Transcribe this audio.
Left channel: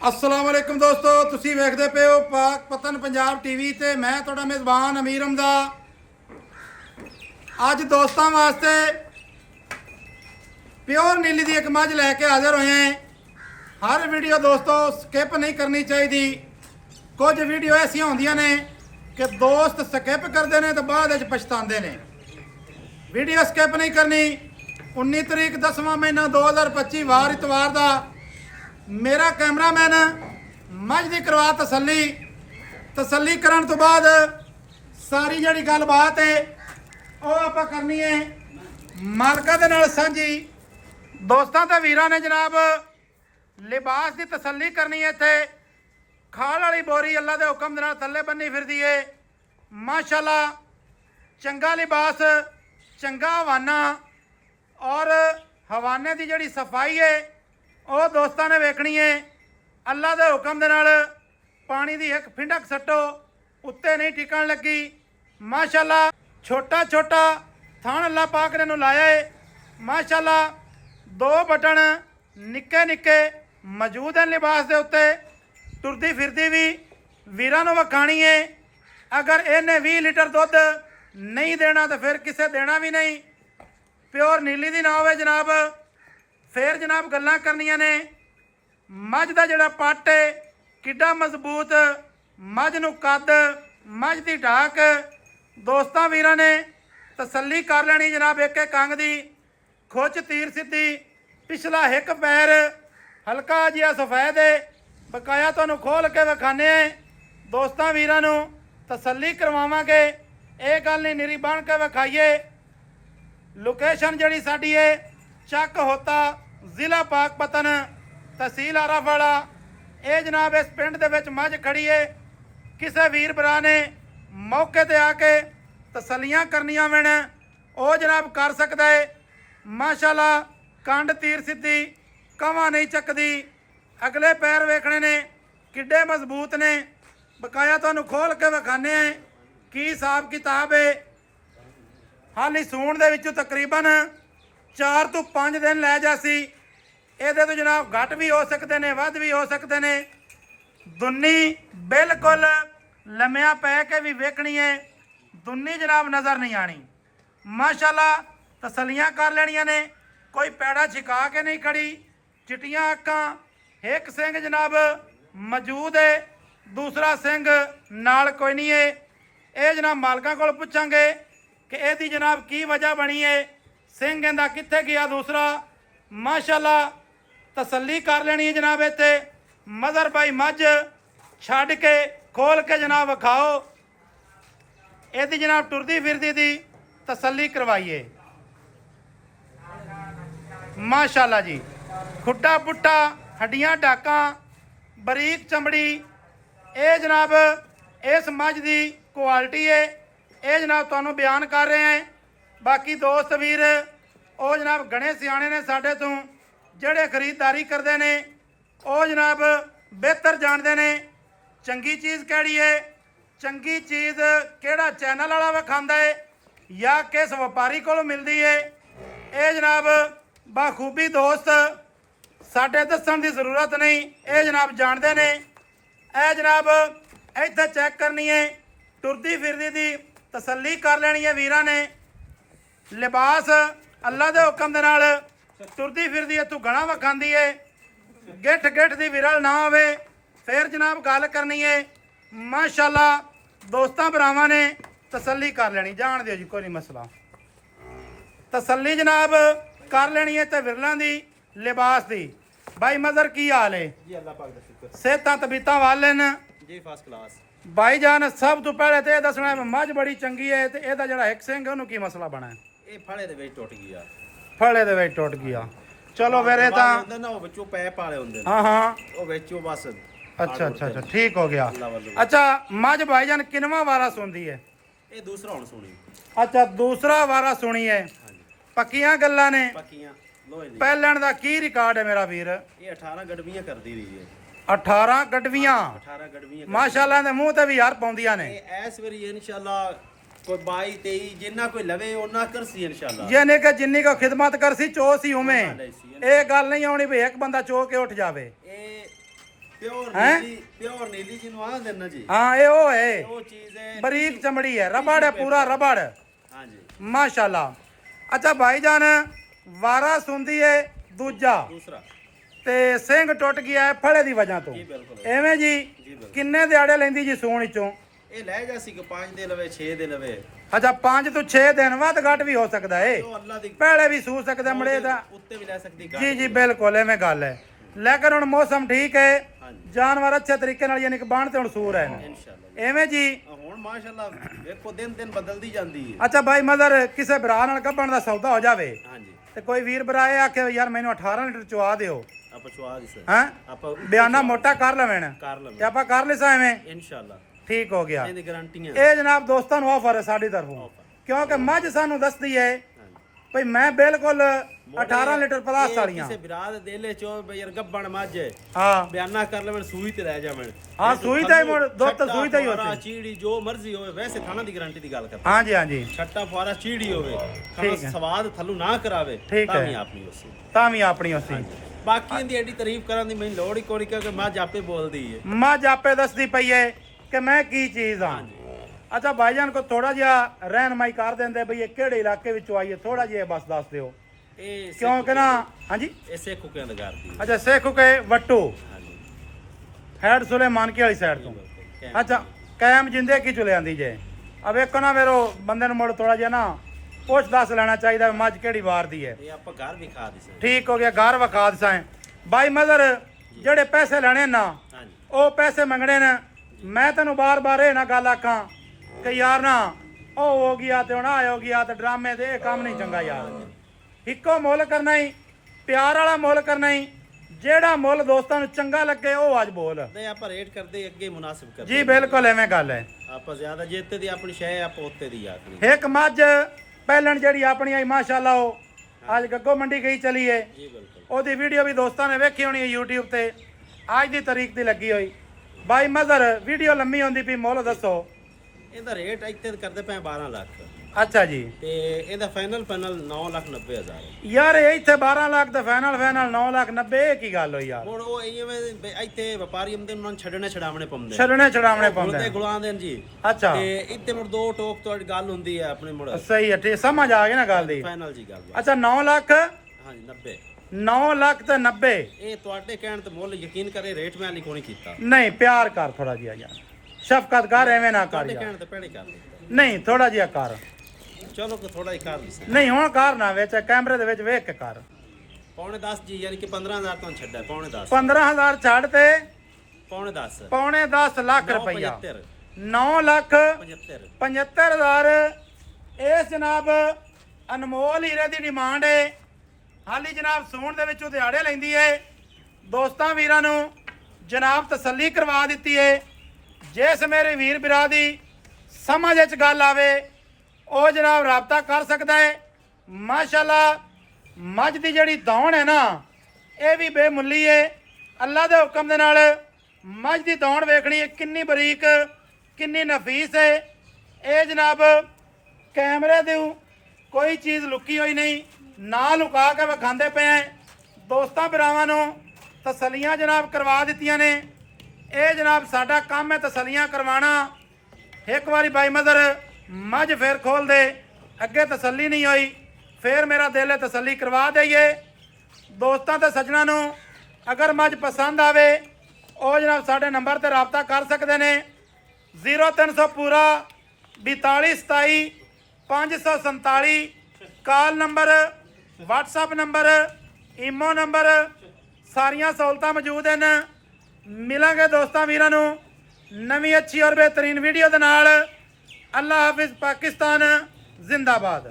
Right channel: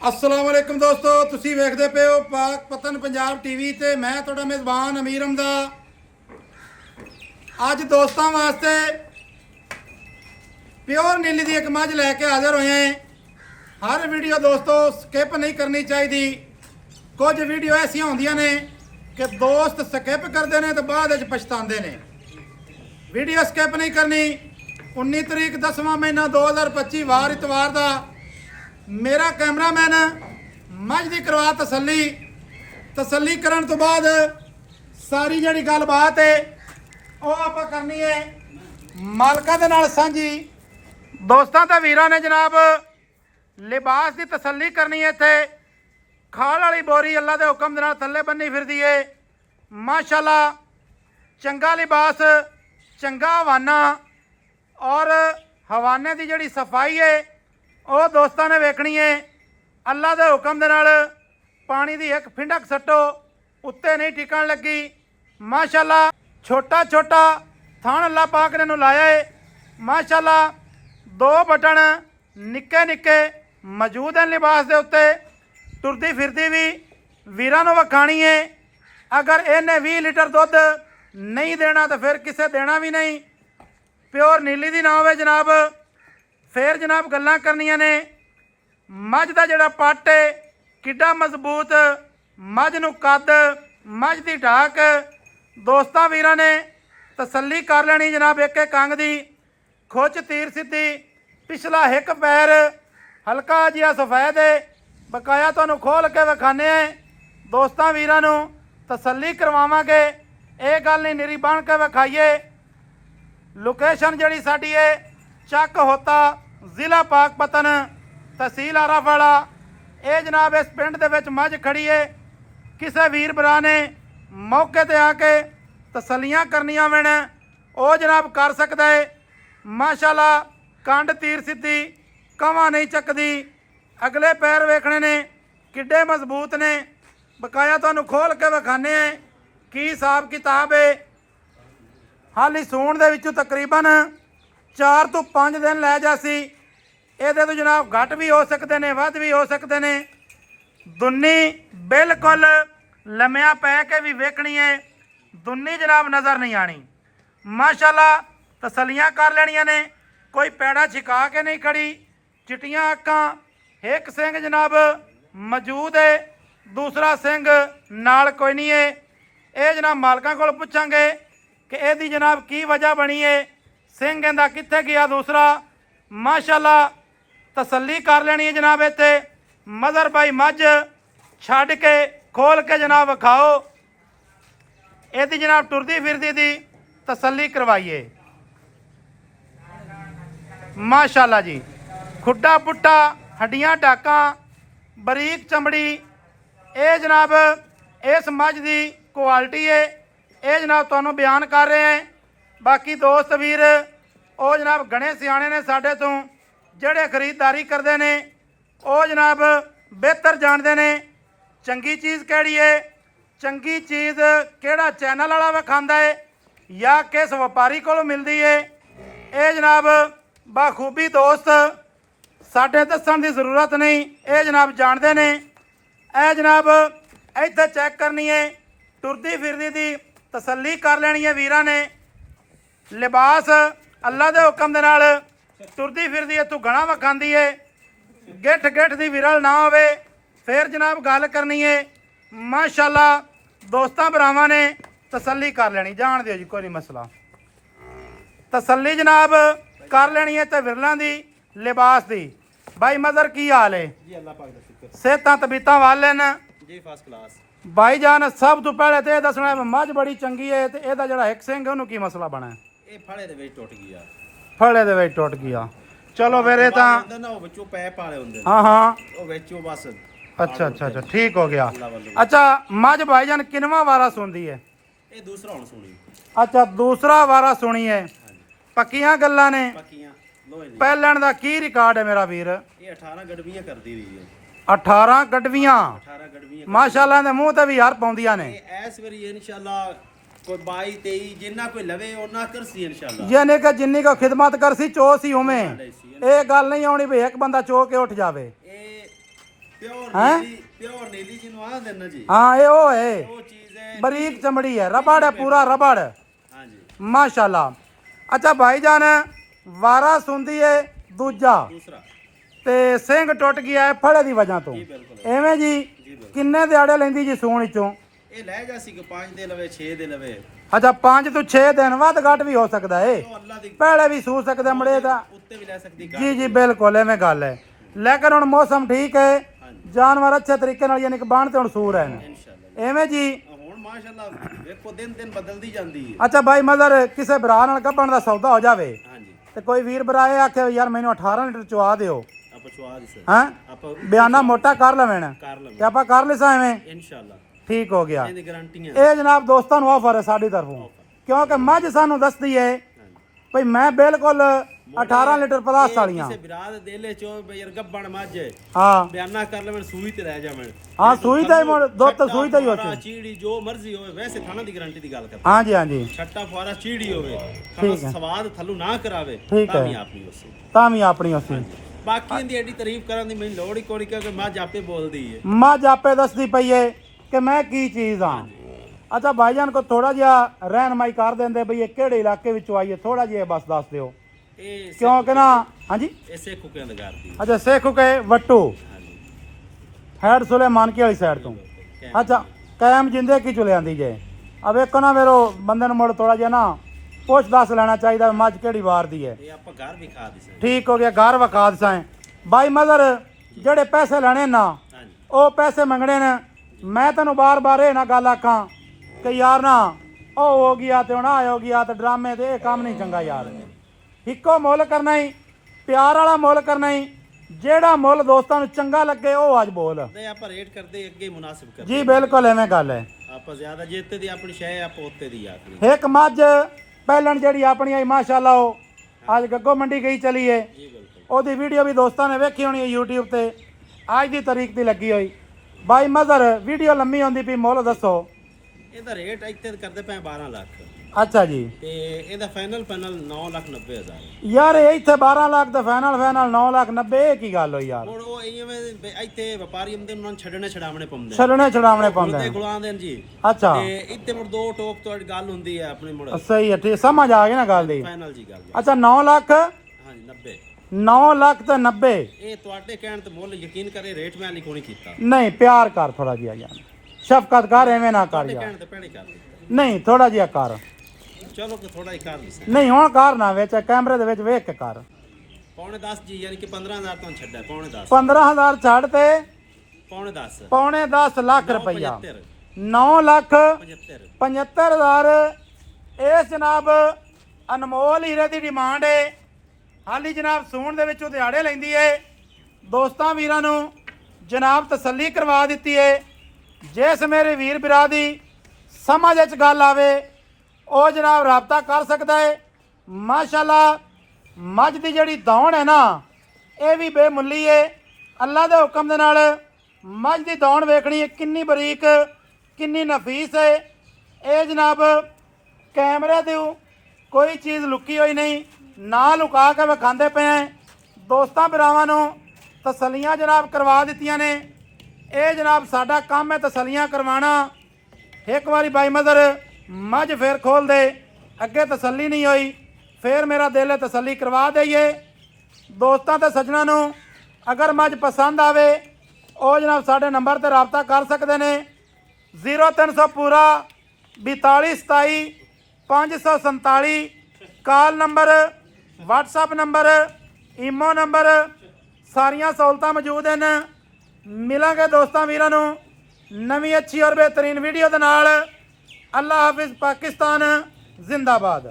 अस्सलाम वालेकुम दोस्तों, तुसी वेखदे पे हो पाक पतन पंजाब टीवी ते मैं तुहाडा मेज़बान अमीर हमदा। अज दोस्तों वास्ते प्योर नीली दी एक मझ लैके हाजिर होए हैं। हर वीडियो दोस्तों स्किप नहीं करनी चाहिए। कुछ वीडियो ऐसियां होंदियां ने कि दोस्त स्किप करते हैं तो बाद विच पछताते हैं। वीडियो स्किप नहीं करनी। 19 तरीक 10वां महीना 2025 वार इतवार का मेरा कैमरामैन मझ की करवा तसली करन तो बाद सारी जी गलबात है वो आप करनी है मालका दे नाल सांझी। दोस्तों तो वीरां ने जनाब लिबास की तसली करनी है। इत्थे खाल वाली बोरी अल्लाह के हुक्म दे नाल थल्ले बन्नी फिरदी है। माशाअल्लाह चंगा लिबास, चंगा हवाना और हवाने की जिहड़ी सफाई है वो दोस्तों ने वेखनी है। अल्लाह के हुक्म दे नाल पानी की एक फिंडक सट्टो उत्ते नहीं टिकन लगी। माशाअल्लाह छोटा छोटा थान अल्लाह पाक ने लाया है। माशाअल्लाह 2 बटन निक्के निक्के मौजूद हैं लिबास के उत्ते। तुरदी फिरदी भी वीरां नूं वखाणी है। अगर इन्हें 20 लीटर दुध नहीं देना तो फिर किसे देना भी नहीं। प्योर नीली दी ना होवे जनाब फिर जनाब गल्लां करनियां ने। मझ का जिहड़ा पट है किड्डा मजबूत, मझ नूं कद, मझ की ढाक दोस्तां वीरां ने तसली कर लेनी जनाब। एक एक अंग दी खुच तीर सीधी, पिछला हिक पैर हल्का जिहा सफेद है। बकाया तुहानूं खोल के विखाने दोस्तां वीरां नूं तसली करवावांगे। ये गल नहीं निरी बन के विखाईए। लोकेशन जिहड़ी साडी है चक होता जिला पाकपतन तहसील आराफाड़ा। ये जनाब इस पिंड दे विच मझ खड़ी है। किसी वीर भरा ने मौके ते आके तसलियां करनियां वैन वो जनाब कर सकता है। माशाअल्लाह कंड तीर सीधी, कवा नहीं चकदी। अगले पैर वेखने ने किड्डे मजबूत ने। बकाया तुहानूं खोल के विखाने की हिसाब किताब है। हाली सूण दे विचों तकरीबन 4 तो 5 दिन लै जासी। ये तो जनाब घट भी हो सकते हैं, वध भी हो सकते हैं। दुन्नी बिल्कुल लम्या पै के भी वेखनी है। दुन्नी जनाब नज़र नहीं आनी। माशाअल्लाह तसलियां कर लेनियां ने। कोई पैड़ा छिका के नहीं खड़ी। चिट्टियां अक्कां, एक सिंह जनाब मौजूद है, दूसरा सिंह नाल कोई नहीं है। ये जनाब मालकां कोल पुछांगे कि यदी जनाब की वजह बनी है, सिंह कहता कित्थे गया दूसरा। माशाअल्लाह तसली कर लेनी है जनाब। इत्थे मदर भाई मझ छड्ड के खोल के जनाब विखाओ। यदि जनाब टुरदी फिरदी दी तसली करवाइए। माशाअल्लाह जी खुड्डा पुट्टा, हड्डियां टाका, बरीक चमड़ी। ये जनाब इस मझ की क्वालिटी है। ये जनाब तुहानूं बयान कर रहे हैं। बाकी दोस्त वीर वो जनाब घने सियाने ने साडे तो जिहड़े खरीददारी करते हैं वो जनाब बेहतर जानते हैं चंगी चीज़ किहड़ी है, चंगी चीज़ किहड़ा चैनल वाला विखांदा है या किस व्यापारी को मिलती है। ये जनाब बाखूबी दोस्त साडे दस्सण की जरूरत नहीं, ये जनाब जानते हैं। ये जनाब इत्थे चैक करनी है, टुरदी फिरदी दी तसली कर लेनी है वीरां ने। लिबास अल्लाह के हुक्म दे नाल टुरदी फिरदी इत्थों घना विखांदी है। गिठ गिठ की विरल ना होवे फिर जनाब गल करनी है। माशाअल्लाह दोस्तां भरावां ने तसली कर लेनी। जान दिओ जी कोई नहीं मसला। तसली जनाब कर लेनी है तो विरलों की लिबास की। भाई मदर की हाल है जी? अल्लाह पाक दा शुक्र सेहतां तबीयतां वाले न जी, फर्स्ट क्लास। भाई जान सब तो पहले तो यह दसना है मझ बड़ी चंगी है तो यदा जिहड़ा हिक सिंह है उन्होंने की मसला बना है? ये फड़े दे विच टुट गया। फड़े दे विच टुट गया। चलो फिर ये तां ਹੁੰਦਾ ਨਾ ਉਹ ਵਿੱਚੋਂ ਪੈਪ ਵਾਲੇ ਹੁੰਦੇ ਨੇ हाँ हाँ ਉਹ ਵਿੱਚੋਂ बस अच्छा अच्छा अच्छा ठीक हो गया। अल्लाह वालों। अच्छा मझ भाईजान किनवा वारा सुनती है? ਇਹ ਦੂਸਰਾ ਹੁਣ ਸੁਣੀ। अच्छा दूसरा वारा सुनी है। ਹਾਂਜੀ पक्कियां गल्लां ने। ਪੱਕੀਆਂ ਲੋਹੇ ਦੀ। पहलण दा की रिकॉर्ड है मेरा वीर? ਇਹ 18 ਗੜਵੀਆਂ ਕਰਦੀ ਰਹੀ ਹੈ। 18 गडवियां 18 ਗੜਵੀਆਂ माशाअल्लाह दे मुंह ते भी यार पाउंदियां ने। ਇਹ ਇਸ ਵਾਰੀ ਇਨਸ਼ਾਅੱਲਾ कोई 22 23 जिन्ना कोई लवे ओना करसी इंशाल्लाह। यानी कि जिन्नी को खिदमत करसी चो सी उमें ये गल नहीं आनी भी एक बंदा चो के उठ जावे। ਪਿਓਰ ਨੀਲੀ ਜਿਹਨੂੰ ਆਂਦੇ ਨੇ ਜੀ ਹਾਂ ਇਹ ਉਹ ਹੈ ਉਹ ਚੀਜ਼ ਹੈ ਬਰੀਕ ਚਮੜੀ ਹੈ ਰਬੜ ਹੈ ਪੂਰਾ ਰਬੜ ਹਾਂਜੀ ਮਾਸ਼ਾਅੱਲਾ। ਅੱਛਾ ਭਾਈਜਾਨ ਵਾਰਾ ਸੁੰਦੀ ਹੈ ਦੂਜਾ ਦੂਸਰਾ ਤੇ ਸਿੰਘ ਟੁੱਟ ਗਿਆ ਹੈ ਫੜੇ ਦੀ ਵਜ੍ਹਾ ਤੋਂ ਜੀ ਬਿਲਕੁਲ ਐਵੇਂ ਜੀ ਬਿਲਕੁਲ। ਕਿੰਨੇ ਦਿਹਾੜੇ ਲੈਂਦੀ ਜੀ ਸੂਣ ਵਿੱਚੋਂ? ਇਹ ਲੈ ਜਾ ਸੀ ਕਿ 5 ਦੇ ਲਵੇ 6 ਦੇ ਲਵੇ ਅੱਛਾ 5 ਤੋਂ 6 ਦਿਨ ਵੱਧ ਘੱਟ ਵੀ ਹੋ ਸਕਦਾ ਹੈ ਉਹ ਅੱਲਾ ਦੀ ਪਹਿਲੇ ਵੀ ਸੂ ਸਕਦਾ ਮੜੇ ਦਾ ਉੱਤੇ ਵੀ ਲੈ ਸਕਦੀ ਜੀ ਜੀ ਬਿਲਕੁਲ ਐਵੇਂ ਗੱਲ ਹੈ। ਲੇਕਿਨ ਹੁਣ ਮੌਸਮ ਠੀਕ ਹੈ ਹਾਂਜੀ ਜਾਨਵਰ ਅੱਛੇ ਤਰੀਕੇ ਨਾਲ ਯਾਨੀ ਕਿ ਬਾਣ ਤੇ ਹੁਣ ਸੂਰ ਹੈ ਇਨਸ਼ਾਅੱਲਾ ਐਵੇਂ ਜੀ। ਹੁਣ ਮਾਸ਼ਾਅੱਲਾ ਵੇਖੋ ਦਿਨ ਦਿਨ ਬਦਲਦੀ ਜਾਂਦੀ ਹੈ ਅੱਛਾ ਭਾਈ ਮਦਰ ਕਿਸੇ ਭਰਾ ਨਾਲ ਕੱਪਣ ਦਾ ਸੌਦਾ ਹੋ ਜਾਵੇ ਹਾਂਜੀ ਤੇ ਕੋਈ ਵੀਰ ਭਰਾ ਇਹ ਆਖੇ ਯਾਰ ਮੈਨੂੰ 18 ਲੀਟਰ ਚਵਾ ਦਿਓ ਆਪਾਂ ਚੁਆ ਦੀ ਸਰ ਹਾਂ ਆਪਾਂ ਬਿਆਨਾ ਮੋਟਾ ਕਰ ਲਵੇਣ ਕਰ ਤੇ ਲਵਾਂਗੇ ਆਪਾਂ ਕਰ ਲਿਸਾ ਐਵੇਂ ਇਨਸ਼ਾਅੱਲਾ ਠੀਕ ਹੋ ਗਿਆ। ਇਹਦੀ ਗਾਰੰਟੀਆਂ ਇਹ ਜਨਾਬ ਦੋਸਤਾਂ ਨੂੰ ਆਫਰ ਹੈ ਸਾਡੀ ਤਰਫੋਂ ਕਿਉਂਕਿ ਮੱਝ ਸਾਨੂੰ ਦੱਸਦੀ ਹੈ ਭਈ ਮੈਂ ਬਿਲਕੁਲ 18 ਲੀਟਰ ਪਲਾਸ ਵਾਲੀਆਂ ਕਿਸੇ ਬਿਰਾਦ ਦੇ ਲੈ ਚੋ ਬਈ ਯਾਰ ਗੱਬਣ ਮੱਝ ਹਾਂ ਬਿਆਨਾ ਕਰ ਲਵਣ ਸੂਈ ਤੇ ਰਹਿ ਜਾਵਣ ਹਾਂ ਸੂਈ ਤੇ ਦੁੱਧ ਸੂਈ ਤੇ ਹੀ ਫੁਆਰਾ ਹੋਤੀ ਚੀੜੀ ਜੋ ਮਰਜ਼ੀ ਹੋਵੇ ਵੈਸੇ ਥਾਣਾ ਦੀ ਗਾਰੰਟੀ ਦੀ ਗੱਲ ਕਰਦਾ ਹਾਂਜੀ ਹਾਂਜੀ ਛੱਟਾ ਫੁਆਰਾ ਚੀੜੀ ਹੋਵੇ ਖਾਣਾ ਠੀਕ ਹੈ। ਸਵਾਦ ਥੱਲੂ ਨਾ ਕਰਾਵੇ ਠੀਕ ਤਾਂ ਹੈ। ਵੀ ਆਪਣੀ ਉਸੇ ਤਾਂ ਵੀ ਆਪਣੀ ਉਸੇ ਬਾਕੀ ਇਹਦੀ ਐਡੀ ਤਾਰੀਫ ਕਰਨ ਦੀ ਮੈਨੂੰ ਲੋੜ ਹੀ ਕੋਈ ਕਿਉਂਕਿ ਮੱਝ ਆਪੇ ਬੋਲਦੀ ਹੈ ਮੱਝ ਆਪੇ ਦੱਸਦੀ ਪਈ ਏ ਕਿ ਮੈਂ ਕੀ ਚੀਜ਼ ਹਾਂ। ਅੱਛਾ ਭਾਈਜਾਨ ਕੋ ਥੋੜਾ ਜਿਹਾ ਰਹਿਨਮਾਈ ਕਰ ਦਿੰਦੇ ਬਈ ਇਹ ਕਿਹੜੇ ਇਲਾਕੇ ਵਿੱਚੋਂ ਆਈਏ ਥੋੜਾ ਜਿਹਾ ਬਸ ਦੱਸ ਦਿਓ ਇਹ ਕਿਉਂਕਿ ਨਾ ਹਾਂਜੀ ਇਸੇ ਕੁਕਿਆਂ ਦਾ ਕਰਦੀ ਅੱਛਾ ਸੇਖੂ ਕੇ ਵੱਟੂ ਹਾਂਜੀ ਹੈਡ ਸੁਲੇਮਾਨ ਕੀ ਵਾਲੀ ਸਾਈਡ ਤੋਂ ਅੱਛਾ ਕਾਇਮ ਜਿੰਦੇ ਕੀ ਚੁਲੇ ਆਂਦੀ ਜੇ ਆ ਵੇਖੋ ਨਾ ਮੇਰੋ ਬੰਦੇ ਨੂੰ ਮੁੜ ਥੋੜਾ ਜਿਹਾ ਨਾ ਪੁੱਛ ਦੱਸ ਲੈਣਾ ਚਾਹੀਦਾ ਵੀ ਮੱਝ ਕਿਹੜੀ ਵਾਰ ਦੀ ਹੈ। ਇਹ ਆਪਾਂ ਘਰ ਵੀ ਖਾ ਦੀ ਸਰ ਠੀਕ ਹੋ ਗਿਆ ਘਰ ਵਿਖਾ ਦਸਾਂ ਬਾਈ ਮਦਰ ਜਿਹੜੇ ਪੈਸੇ ਲੈਣੇ ਨਾ ਹਾਂਜੀ ਉਹ ਪੈਸੇ ਮੰਗਣੇ ਨੇ ਮੈਂ ਤੈਨੂੰ ਬਾਰ-ਬਾਰ ਇਹ ਨਾ ਗੱਲ ਆਖਾਂ ਕਿ ਯਾਰ ਨਾ ਉਹ ਹੋ ਗਿਆ ਤੇ ਹੁਣ ਆ ਹੋ ਗਿਆ ਤੇ ਡਰਾਮੇ ਦੇ ਇਹ ਕੰਮ ਨਹੀਂ ਚੰਗਾ ਯਾਰ। ਇੱਕੋ ਮੁੱਲ ਕਰਨਾ ਹੀ ਪਿਆਰ ਵਾਲਾ ਮੁੱਲ ਕਰਨਾ ਹੀ ਜਿਹੜਾ ਮੁੱਲ ਦੋਸਤਾਂ ਨੂੰ ਚੰਗਾ ਲੱਗੇ ਉਹ ਅੱਜ ਬੋਲ ਨਹੀਂ ਆਪਾਂ ਰੇਟ ਕਰਦੇ ਅੱਗੇ ਮੁਨਾਸਿਬ ਕਰਦੇ ਜੀ ਬਿਲਕੁਲ ਐਵੇਂ ਗੱਲ ਹੈ। ਆਪਾਂ ਜ਼ਿਆਦਾ ਜਿੱਤੇ ਦੀ ਆਪਣੀ ਸ਼ੈ ਆਪਾਂ ਉੱਤੇ ਦੀ ਆਖਣੀ ਇੱਕ ਮੱਝ ਪਹਿਲਣ ਜਿਹੜੀ ਆਪਣੀ ਆਈ ਮਾਸ਼ਾਅੱਲਾ ਉਹ ਅੱਜ ਗੱਗੋ ਮੰਡੀ ਗਈ ਚਲੀ ਏ ਜੀ ਬਿਲਕੁਲ ਉਹਦੀ ਵੀਡੀਓ ਵੀ ਦੋਸਤਾਂ ਨੇ ਵੇਖੀ ਹੋਣੀ ਹੈ YouTube ਤੇ ਅੱਜ ਦੀ ਤਾਰੀਖ ਦੀ ਲੱਗੀ ਹੋਈ। ਬਾਈ ਮਦਰ ਵੀਡੀਓ ਲੰਮੀ ਹੁੰਦੀ ਪਈ ਮੁੱਲ ਦੱਸੋ। ਇਹਦਾ ਰੇਟ ਇੱਥੇ ਕਰਦੇ ਪਏ 12 ਲੱਖ ਅੱਛਾ ਜੀ ਤੇ ਇਹਦਾ ਫਾਈਨਲ 9,90,000 ਯਾਰ ਇਹ ਇੱਥੇ 12 ਲੱਖ ਤੇ ਫਾਈਨਲ 9,90,000 ਇਹ ਕੀ ਗੱਲ ਹੋਈ ਯਾਰ। ਹੁਣ ਉਹ ਇਵੇਂ ਇੱਥੇ ਵਪਾਰੀ ਹੁੰਦੇ ਉਹਨਾਂ ਨੂੰ ਛੱਡਣੇ ਛਡਾਵਣੇ ਪਾਉਂਦੇ ਛਲਣੇ ਛਡਾਵਣੇ ਗੁਲਦੇ ਪਾਉਂਦੇ ਗੁਲਾਉਂਦੇ ਨੇ ਜੀ ਅੱਛਾ ਤੇ ਇੱਥੇ ਮੁੜ ਦੋ ਟੋਕ ਤੋਂ ਗੱਲ ਹੁੰਦੀ ਹੈ ਆਪਣੀ ਮੁੜ ਸਹੀ ਹੈ ਠੀਕ ਸਮਝ ਆ ਗਈ ਨਾ ਗੱਲ ਦੀ। ਫਾਈਨਲ ਜੀ ਗੱਲ ਅੱਛਾ 9 ਲੱਖ ਹਾਂਜੀ 90 9 ਲੱਖ ਤੇ 90 ਇਹ ਤੁਹਾਡੇ ਕਹਿਣ ਤੇ ਮੁੱਲ ਯਕੀਨ ਕਰੇ ਰੇਟ ਮੈਂ ਲਿਖੋ ਨਹੀਂ ਕੀਤਾ ਨਹੀਂ ਪਿਆਰ ਕਰ ਥੋੜਾ ਜਿਹਾ ਯਾਰ ਸ਼ਫਕਤ ਕਰ ਐਵੇਂ ਨਾ ਕਰ ਤੁਹਾਡੇ ਯਾਰ। ਕਹਿਣ ਤੇ ਪਹਿਲੇ ਕਰ ਦਿੱਤਾ ਨਹੀਂ ਥੋੜਾ ਜਿਹਾ ਕਰ ਚਲੋ ਕਿ ਥੋੜਾ ਹੀ ਕਰ ਲਿਆ ਨਹੀਂ ਹੁਣ ਕਰ ਨਾ ਵਿੱਚ ਕੈਮਰੇ ਦੇ ਵਿੱਚ ਵੇਖ ਕੇ ਕਰ। ਪੌਣੇ 10 ਜੀ ਯਾਨੀ ਕਿ 15,000 ਤੋਂ ਛੱਡਿਆ ਪੌਣੇ 10 15,000 ਛੱਡ ਤੇ ਪੌਣੇ 10 ਪੌਣੇ 10 ਲੱਖ ਰੁਪਈਆ 9 ਲੱਖ 75 75,000 ਇਹ ਜਨਾਬ ਅਨਮੋਲ ਹੀਰੇ ਦੀ ਡਿਮਾਂਡ ਹੈ। ਹਾਲੀ ਜਨਾਬ ਸੂਣ ਦੇ ਵਿੱਚੋਂ ਦਿਹਾੜੇ ਲੈਂਦੀ ਏ ਦੋਸਤਾਂ ਵੀਰਾਂ ਨੂੰ ਜਨਾਬ ਤਸੱਲੀ ਕਰਵਾ ਦਿੱਤੀ ਏ। ਜਿਸ ਮੇਰੇ ਵੀਰ ਬਿਰਾ ਦੀ ਸਮਝ ਵਿੱਚ ਗੱਲ ਆਵੇ ਉਹ ਜਨਾਬ ਰਾਬਤਾ ਕਰ ਸਕਦਾ ਹੈ। ਮਾਸ਼ਾਅੱਲਾ ਮੱਝ ਦੀ ਜਿਹੜੀ ਦੌਣ ਹੈ ਨਾ ਇਹ ਵੀ ਬੇਮੁੱਲੀ ਏ। ਅੱਲਾ ਦੇ ਹੁਕਮ ਦੇ ਨਾਲ ਮੱਝ ਦੀ ਦੌਣ ਵੇਖਣੀ ਹੈ ਕਿੰਨੀ ਬਰੀਕ ਕਿੰਨੀ ਨਫੀਸ ਹੈ। ਇਹ ਜਨਾਬ ਕੈਮਰੇ ਦੇ ਕੋਈ ਚੀਜ਼ ਲੁਕੀ ਹੋਈ ਨਹੀਂ ਨਾ ਲੁਕਾ ਕੇ ਵਿਖਾਉਂਦੇ ਪਏ ਆ। ਦੋਸਤਾਂ ਭਰਾਵਾਂ ਨੂੰ ਤਸੱਲੀਆਂ ਜਨਾਬ ਕਰਵਾ ਦਿੱਤੀਆਂ ਨੇ। ਇਹ ਜਨਾਬ ਸਾਡਾ ਕੰਮ ਹੈ ਤਸੱਲੀਆਂ ਕਰਵਾਉਣਾ। ਇੱਕ ਵਾਰੀ ਬਾਈ ਮਦਰ ਮੱਝ ਫੇਰ ਖੋਲ ਦੇ ਅੱਗੇ ਤਸੱਲੀ ਨਹੀਂ ਹੋਈ ਫੇਰ ਮੇਰਾ ਦਿਲ ਹੈ ਤਸੱਲੀ ਕਰਵਾ ਦਈਏ। ਦੋਸਤਾਂ ਤੇ ਸੱਜਣਾ ਨੂੰ ਅਗਰ ਮੱਝ ਪਸੰਦ ਆਵੇ ਉਹ ਜਨਾਬ ਸਾਡੇ ਨੰਬਰ ਤੇ ਰਾਬਤਾ ਕਰ ਸਕਦੇ ਨੇ 0300 ਪੂਰਾ 42 27 547 call number WhatsApp number imo number ਸਾਰੀਆਂ ਸਹੂਲਤਾਂ ਮੌਜੂਦ ਹਨ। ਮਿਲਾਂਗੇ ਦੋਸਤਾਂ ਵੀਰਾਂ ਨੂੰ ਨਵੀਂ ਅੱਛੀ ਔਰ ਬਿਹਤਰੀਨ ਵੀਡੀਓ ਦੇ ਨਾਲ। ਅੱਲਾ ਹਾਫਿਜ਼ ਪਾਕਿਸਤਾਨ ਜ਼ਿੰਦਾਬਾਦ।